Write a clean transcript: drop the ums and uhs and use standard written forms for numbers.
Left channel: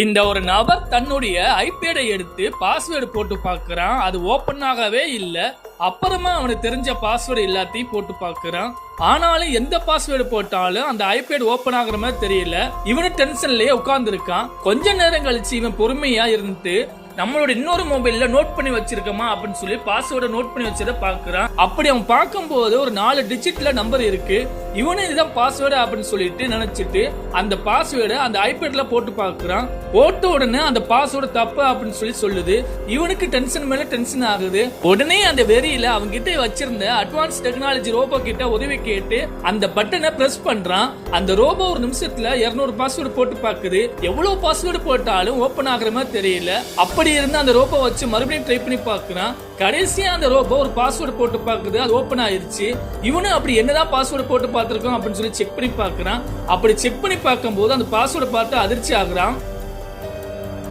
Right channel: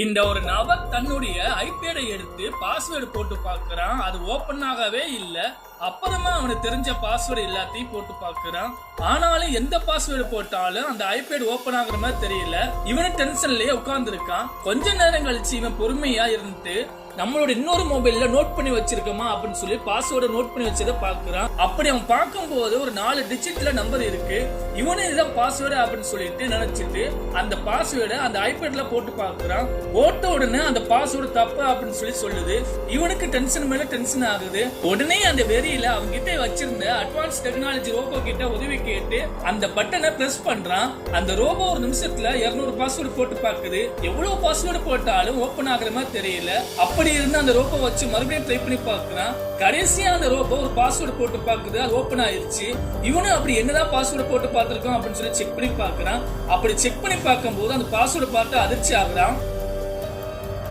இந்த ஒரு நபர் தன்னுடைய ஐபேடை எடுத்து பாஸ்வேர்டு போட்டு பார்க்கறான். அது ஓபன் ஆகவே இல்ல. அப்புறமா அவனுக்கு தெரிஞ்ச பாஸ்வேர்டு எல்லாத்தையும் போட்டு பார்க்கறான். ஆனாலும் எந்த பாஸ்வேர்டு போட்டாலும் அந்த ஐபேட் ஓபன் ஆகுற மாதிரி தெரியல. இவனு டென்ஷன்லயே உட்கார்ந்து இருக்கான். கொஞ்ச நேரம் கழிச்சு இவன் பொறுமையா இருந்து நம்மளோட இன்னொரு மொபைல்ல நோட் பண்ணி வச்சிருக்கோமா அப்படின்னு சொல்லி பாஸ்வேர்டை நோட் பண்ணி வச்சதை பாக்குறான். அப்படி அவன் பார்க்கும்போது ஒரு 4 டிஜிட்ல நம்பர் இருக்கு. இவனு இதுதான் பாஸ்வேர்டு அப்படின்னு சொல்லிட்டு நினைச்சிட்டு அந்த பாஸ்வேர்டை அந்த ஐபேட்ல போட்டு பாக்குறான். போட்ட உடனே அந்த பாஸ்வேர்டு தப்பு அப்படின்னு சொல்லி சொல்லுது. இவனுக்கு டென்ஷன் மேல டென்ஷன் ஆகுது. உடனே அந்த வெறியில அவங்க கிட்ட வச்சிருந்த அட்வான்ஸ் டெக்னாலஜி ரோபோ கிட்ட உதவி கேட்டு அந்த பட்டனை பிரஸ் பண்றான். அந்த ரோபோ ஒரு நிமிஷத்துல 200 பாஸ்வேர்டு போட்டு பாக்குது. எவ்வளவு பாஸ்வேர்டு போட்டாலும் ஓபன் ஆகுற மாதிரி தெரியல. அப்படி இருந்து அந்த ரோபோ வச்சு மறுபடியும் ட்ரை பண்ணி பார்க்கறான். கடைசியா அந்த ரோபோ ஒரு பாஸ்வேர்டு போட்டு பாக்குது. அது ஓபன் ஆயிருச்சு. இவனும் அப்படி என்னதான் பாஸ்வேர்டு போட்டு பார்த்திருக்கோம் அப்படின்னு சொல்லி செக் பண்ணி பார்க்கறான். அப்படி செக் பண்ணி பார்க்கும்போது அந்த பாஸ்வேர்டு பார்த்து அதிர்ச்சி ஆகுறான்.